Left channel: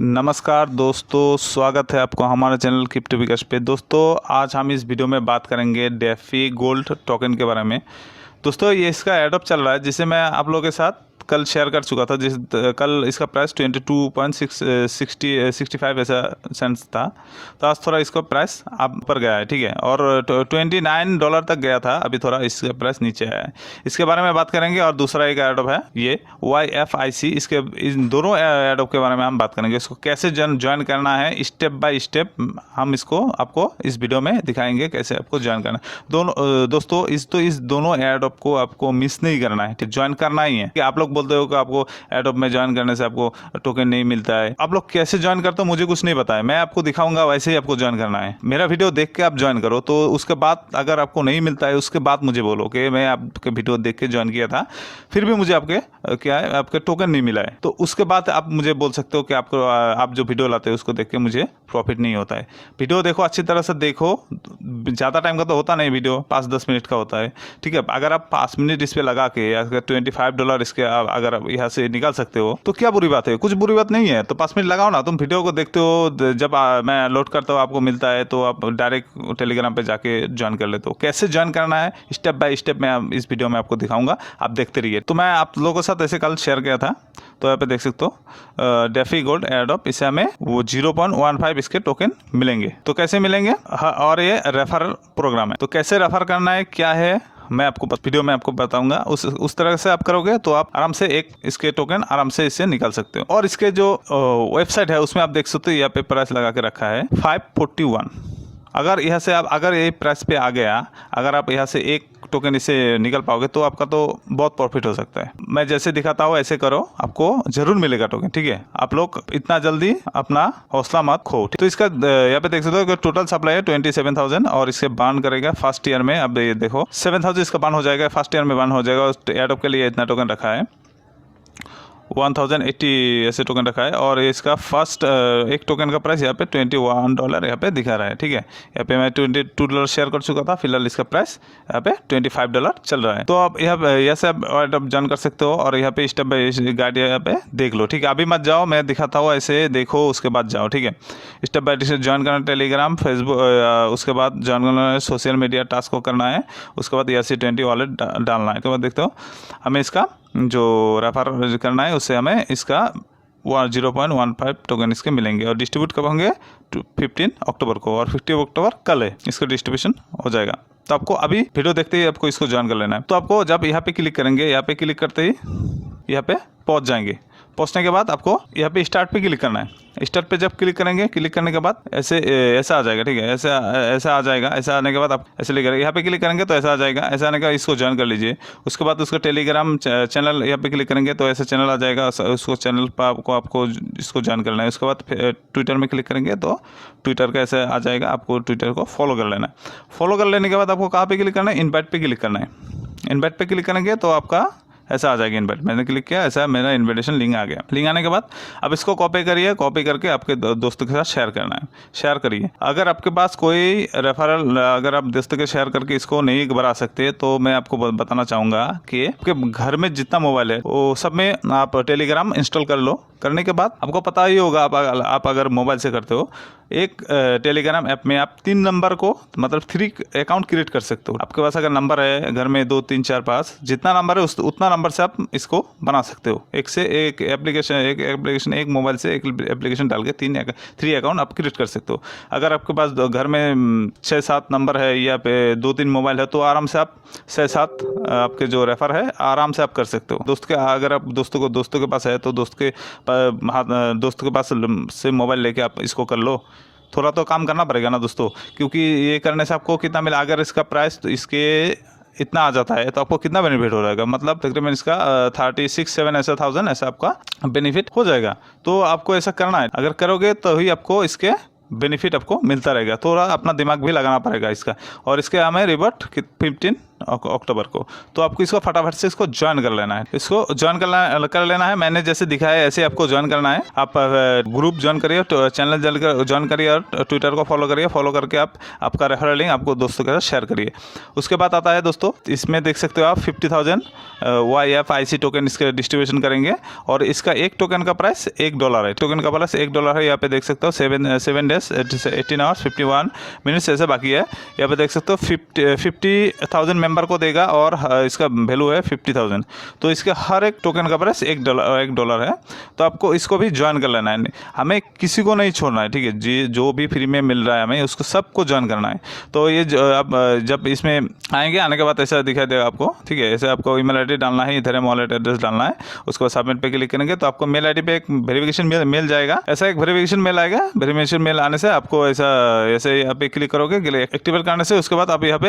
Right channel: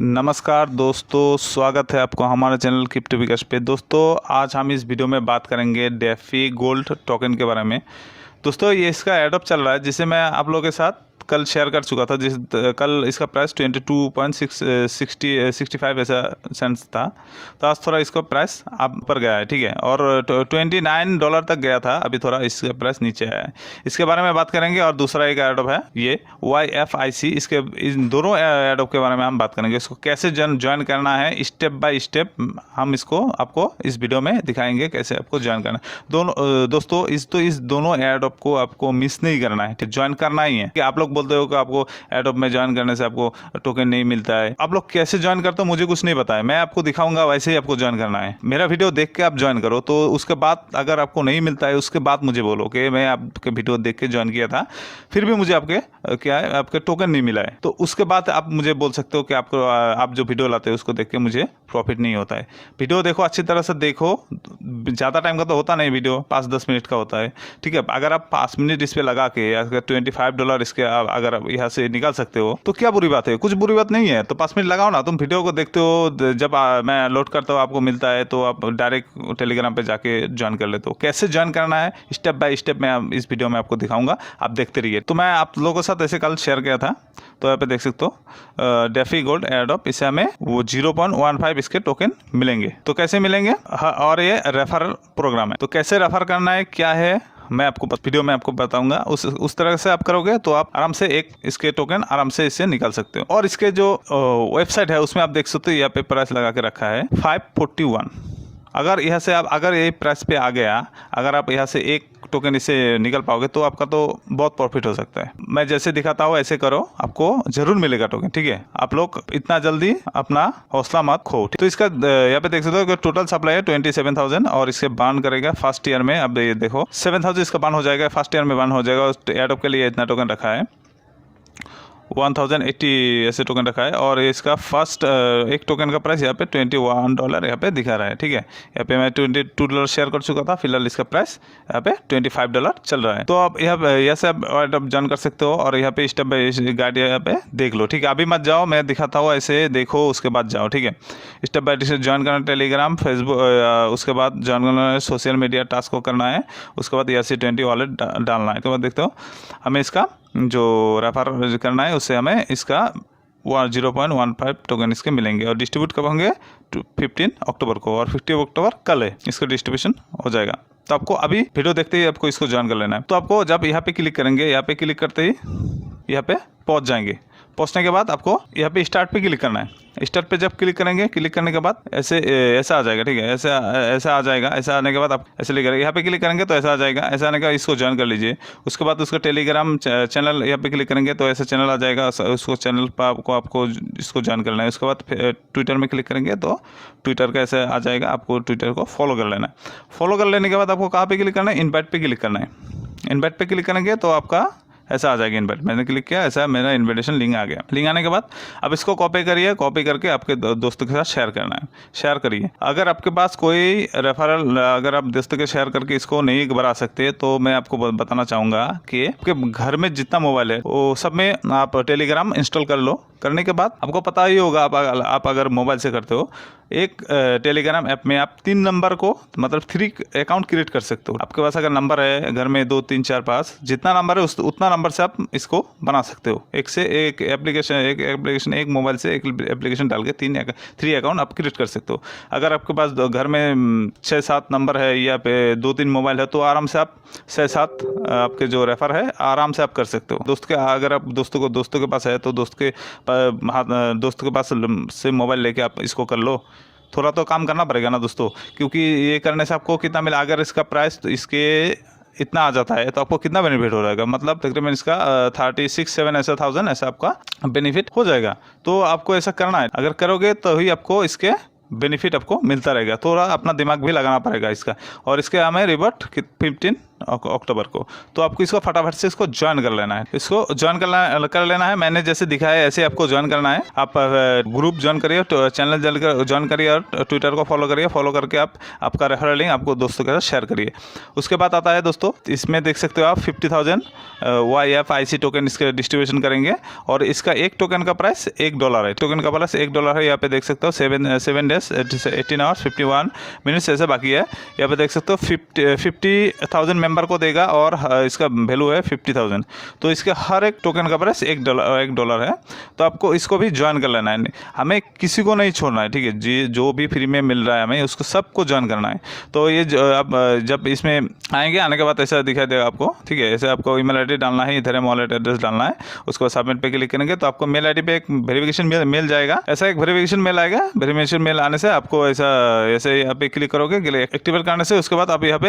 नमस्कार दोस्तों, स्वागत है आपको हमारे चैनल क्रिप्टो विकास पे। दोस्तों आज हम इस वीडियो में बात करेंगे डेफी गोल्ड टोकन के बारे में। दोस्तों ये इसका एडअप चल रहा है जिसे मैं आप लोगों के साथ कल शेयर कर चुका था। कल इसका प्राइस 22.65 ऐसा सेंट्स था, तो आज थोड़ा इसका प्राइस आप पर गया है, ठीक है। और $29 तक गया था, अभी थोड़ा इसका प्राइस नीचे है। इसके बारे में बात करेंगे। और दूसरा एक एडोप है ये YFIC, इसके इन दोनों एडोप के बारे में हम बात करेंगे। इसको कैसे ज्वाइन करना है स्टेप बाय स्टेप हम इसको आपको इस वीडियो में दिखाएंगे कैसे आपको ज्वाइन करना है। दोस्तों इस दोनों एडोप को आपको मिस नहीं करना है, ज्वाइन करना ही है। कि आप लोग बोलते हो कि आपको एडोप में ज्वाइन करने से आपको टोकन नहीं मिलता है। आप लोग कैसे ज्वाइन करते हो मुझे कुछ नहीं पता है, मैं आपको दिखाऊंगा वैसे ही आपको ज्वाइन करना है। मेरा वीडियो देख के आप ज्वाइन करो, तो उसके बाद अगर आपको नहीं मिलता है उसके बाद मुझे बोलो कि मैं आपके वीडियो देख के ज्वाइन किया था, फिर भी मुझे आपके टोकन नहीं मिला है, तो उसके बाद आप मुझे बोल सकते हो कि आप जो वीडियो लाते हो उसको देख के मुझे प्रॉफिट नहीं होता है। वीडियो देखो, अच्छी तरह से देखो, ज़्यादा टाइम का तो होता नहीं, वीडियो 5-10 मिनट का होता है, ठीक है। अगर आप 5 मिनट इस पे लगा के अगर $25 इसके अगर आप यहाँ से निकाल सकते हो तो क्या बुरी बात है, कुछ बुरी बात नहीं है। तो 5 मिनट लगाओ ना, तुम वीडियो को देखते हो, जब मैं लोड करता हूँ आपको मिलता है तो आप डायरेक्ट टेलीग्राम पे जाके ज्वाइन कर लेते हो। कैसे ज्वाइन करना है स्टेप बाय स्टेप मैं इस वीडियो में आपको दिखाऊंगा, आप देखते रहिए। तो मैं आप लोगों के साथ ऐसे कल शेयर किया था, तो यहाँ पे देख सकते हो डेफी गोल्ड एडोप, इसे हमें वो 0.15 इसके टोकन मिलेंगे। तो कैसे मिलेंगे, और ये रेफरल प्रोग्राम है, तो कैसे रेफर करना है क्या है मैं आपको वीडियो में आपको बताऊंगा। उस तरह से आप करोगे तो आप आराम से एक इसके टोकन आराम से इससे निकाल सकते हो। और इसके जो वेबसाइट है उसमें आप देख सकते हो यहाँ पे प्राइस लगा के रखा है 541। अगर यहाँ से आप अगर ये प्राइस पे आ गया, अगर आप यहाँ से एक टोकन इसे निकल पाओगे तो आपका तो बहुत प्रॉफिट हो सकता है। मैं जैसे दिखाता हूँ ऐसे करो, आपको जरूर मिलेगा टोकन, ठीक है। आप लोग इतना जल्दी अपना हौसला मत खो। तो इसका यहाँ पे देख सकते हो कि टोटल सप्लाई है 27,000 और इससे बान करेगा फर्स्ट ईयर में। अब ये देखो 7,000 इसका बान हो जाएगा, फर्स्ट ईयर में बान हो जाएगा। एडोप के लिए इतना टोकन रखा है 1080 ऐसे टोकन रखा है। और इसका फर्स्ट एक टोकन का प्राइस यहाँ पे $21 यहाँ पे दिखा रहा है, ठीक है। यहाँ पे मैं $22 शेयर कर चुका था, फिलहाल इसका प्राइस यहाँ पे $25 चल रहा है। तो आप यहाँ से आप ज्वाइन कर सकते हो। और यहाँ पे स्टेप बाय गाइड यहाँ पे देख लो, ठीक है। अभी मत जाओ, मैं दिखाता हूँ, ऐसे देखो उसके बाद जाओ, ठीक है। स्टेप बाय स्टेप ज्वाइन करना टेलीग्राम, फेसबुक, उसके बाद ज्वाइन करना है सोशल मीडिया टास्क को करना है, उसके बाद ERC20 वॉलेट डालना है। उसके बाद देखते हो हमें इसका जो रेफर करना है उससे हमें इसका 0.15 टोकन इसके मिलेंगे। और डिस्ट्रीब्यूट कब होंगे 15 अक्टूबर को, और 15 अक्टूबर कल है इसका डिस्ट्रीब्यूशन हो जाएगा। तो आपको अभी वीडियो देखते ही आपको इसको ज्वाइन कर लेना है। तो आपको जब यहाँ पे क्लिक करेंगे, यहाँ पे क्लिक करते ही यहाँ पे पहुँच जाएंगे। पहुंचने के बाद आपको यहाँ पे स्टार्ट पे क्लिक करना है। स्टार्ट पे जब क्लिक करेंगे, क्लिक करने के बाद ऐसा आ जाएगा, ठीक है। ऐसा आ जाएगा। ऐसा आने के बाद आप ऐसे लेकर यहाँ पे क्लिक करेंगे तो ऐसा आ जाएगा। ऐसा आने का इसको ज्वाइन कर लीजिए। उसके बाद उसका टेलीग्राम चैनल यहाँ पे क्लिक करेंगे तो ऐसा चैनल आ जाएगा। उसको चैनल पर आपको इसको ज्वाइन करना है। उसके बाद ट्विटर में क्लिक करेंगे तो ट्विटर का ऐसे आ जाएगा, आपको ट्विटर को फॉलो कर लेना है। फॉलो कर लेने के बाद आपको कहाँ पे क्लिक करना है, इनवाइट पे क्लिक करना है। इनवाइट पे क्लिक करेंगे तो आपका ऐसा आ जाएगा इनवाइट। मैंने क्लिक किया, ऐसा मेरा इनविटेशन लिंक आ गया। लिंक आने के बाद अब इसको कॉपी करिए, कॉपी करके आपके दोस्तों के साथ शेयर करना है। शेयर करिए। अगर आपके पास कोई रेफरल, अगर आप दोस्तों के शेयर करके इसको नहीं बढ़ा सकते तो मैं आपको बताना चाहूँगा कि आपके घर में जितना मोबाइल है वो सब में आप टेलीग्राम इंस्टॉल कर लो। करने के बाद आपको पता ही होगा, आप अगर मोबाइल से करते हो, एक टेलीग्राम ऐप में आप 3 नंबर को मतलब 3 अकाउंट क्रिएट कर सकते हो। आपके पास अगर नंबर है घर में 2 3 4 5 जितना नंबर है उतना नंबर से आप इसको बना सकते हो। एक से एक एप्लीकेशन एक मोबाइल से एक एप्लीकेशन डाल के 3 अकाउंट आप क्रिएट कर सकते हो। अगर आपके पास घर में 6-7 नंबर है या पे 2-3 मोबाइल है तो आराम से आप 6-7 आपके जो रेफर है आराम से आप कर सकते हो। अगर आप दोस्तों के पास है तो दोस्त के पास से मोबाइल लेके आप इसको कर लो। थोड़ा तो काम करना पड़ेगा ना दोस्तों, क्योंकि ये करने से आपको कितना मिला, अगर इसका प्राइस तो इसके इतना आ जाता है तो आपको कितना बेनिफिट हो जाएगा, मतलब तकरीबन इसका 36-7 ऐसा 1000 ऐसा आपका बेनिफिट हो जाएगा। तो आपको ऐसा करना है, अगर करोगे तो ही आपको इसके बेनिफिट आपको मिलता रहेगा। थोड़ा अपना दिमाग भी लगाना पड़ेगा इसका। और इसके हमें रिवर्ट 15 अक्टूबर को। तो आपको इसको फटाफट से इसको ज्वाइन कर लेना है। इसको ज्वाइन कर लेना है। मैंने जैसे दिखाया है ऐसे आपको ज्वाइन करना है। आप ग्रुप ज्वाइन करिए, चैनल ज्वाइन करिए और ट्विटर को फॉलो करिए। फॉलो करके आप आपका रेफरल लिंक आपको दोस्तों के साथ शेयर करिए। उसके बाद आता है दोस्तों, इसमें देख सकते हो आप 50,000 YFIC टोकन इसके डिस्ट्रीब्यूशन करेंगे और इसका एक टोकन का प्राइस $1 है। टोकन का प्राइस $1 है। यहाँ पे देख सकते हो 7 डेज 18 आवर्स 51 मिनट्स ऐसे बाकी है। यहाँ पे देख सकते हो 50,000 मेंबर को देगा और इसका वैल्यू है 50,000। तो इसके हर एक टोकन का प्राइस $1 है। तो आपको इसको भी ज्वाइन कर लेना है। हमें किसी को नहीं छोड़ना है, ठीक है जी। जो भी फ्री में मिल रहा है हमें उसको सबको ज्वाइन करना है। तो ये आप जब इसमें आएंगे, आने के बाद ऐसा दिखाई देगा आपको, ठीक है। ऐसे आपको ईमेल आईडी डालना है, इधर वॉलेट एड्रेस डालना है। उसको सबमिट पे क्लिक करेंगे तो आपको मेल आईडी पे एक वेरिफिकेशन मेल जाएगा। ऐसा एक वेरिफिकेशन मेल आएगा। वेरिफिकेशन मेल आने से आपको ऐसे यहाँ पे क्लिक करोगे, एक्टिवेट करने से उसके बाद आप यहाँ पे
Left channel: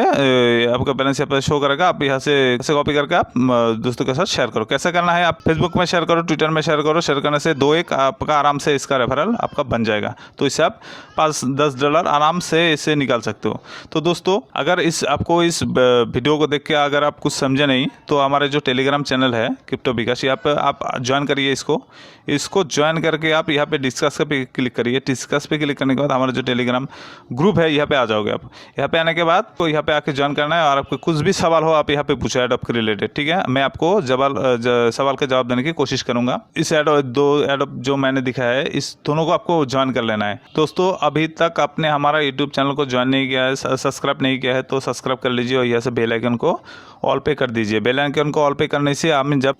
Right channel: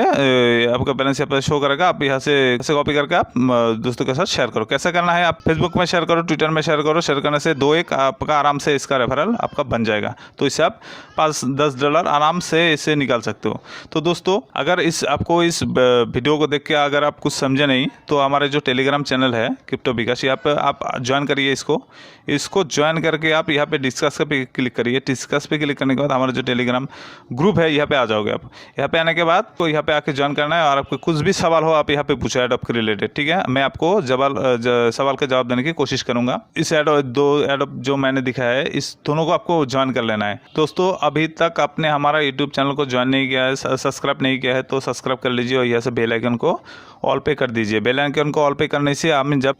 आपका बैलेंस यहाँ पे शो करेगा। आप यहाँ से कॉपी करके आप दोस्तों के साथ शेयर करो। कैसे करना है, आप फेसबुक में शेयर करो, ट्विटर में शेयर करो। शेयर करने से 2-1 आपका आराम से इसका रेफरल आपका बन जाएगा। तो इससे आप $5-10 आराम से इसे निकाल सकते हो। तो दोस्तों, अगर आपको इस वीडियो को देख के अगर आप कुछ समझे नहीं तो हमारे जो टेलीग्राम चैनल है क्रिप्टो विकास, यहाँ पे आप ज्वाइन करिए। इसको ज्वाइन करके आप यहाँ पे डिस्कस पे क्लिक करिए। डिस्कस पे क्लिक करने के बाद हमारा जो टेलीग्राम ग्रुप है यहाँ पे आ जाओगे आप। यहाँ पे आने के बाद तो यहाँ पे आके ज्वाइन करना है और आपको कुछ भी सवाल हो आप यहाँ पे पूछो एडोप के रिलेटेड, ठीक है। मैं आपको सवाल का जवाब देने की कोशिश करूंगा। इस एडोप जो मैंने दिखाया है, इस दोनों को आपको ज्वाइन कर लेना है। दोस्तों, अभी तक आपने हमारा यूट्यूब चैनल को ज्वाइन नहीं किया है, सब्सक्राइब नहीं किया है तो सब्सक्राइब कर लीजिए और यहाँ से बेल आइकन को ऑल पे कर दीजिए। बेल आइकन को ऑल पे करने से हम जब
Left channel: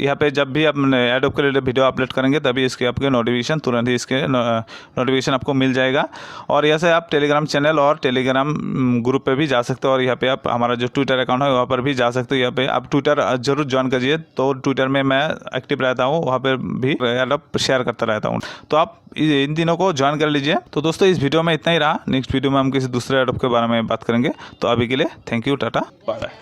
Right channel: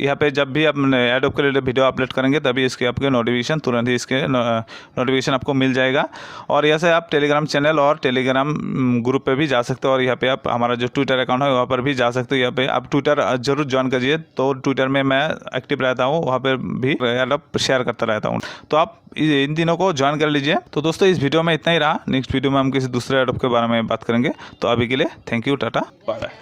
भी अपने एडोप के रिलेटेड वीडियो अपलोड करेंगे तभी इसके आपके नोटिफिकेशन तुरंत ही इसके नोटिफिकेशन आपको मिल जाएगा। और यहाँ से आप टेलीग्राम चैनल और टेलीग्राम ग्रुप पे भी जा सकते हो और यहाँ पे आप हमारा जो ट्विटर अकाउंट है वहाँ पर भी जा सकते हो। यहाँ पे आप ट्विटर जरूर ज्वाइन करिए। तो ट्विटर में मैं एक्टिव रहता हूँ, वहाँ पर भी एडोप शेयर करता रहता हूँ। तो आप इन तीनों को ज्वाइन कर लीजिए। तो दोस्तों, इस वीडियो में इतना ही रहा। नेक्स्ट वीडियो में हम किसी दूसरे एडोप के बारे में बात करेंगे। तो अभी के लिए थैंक यू, टाटा, बाय।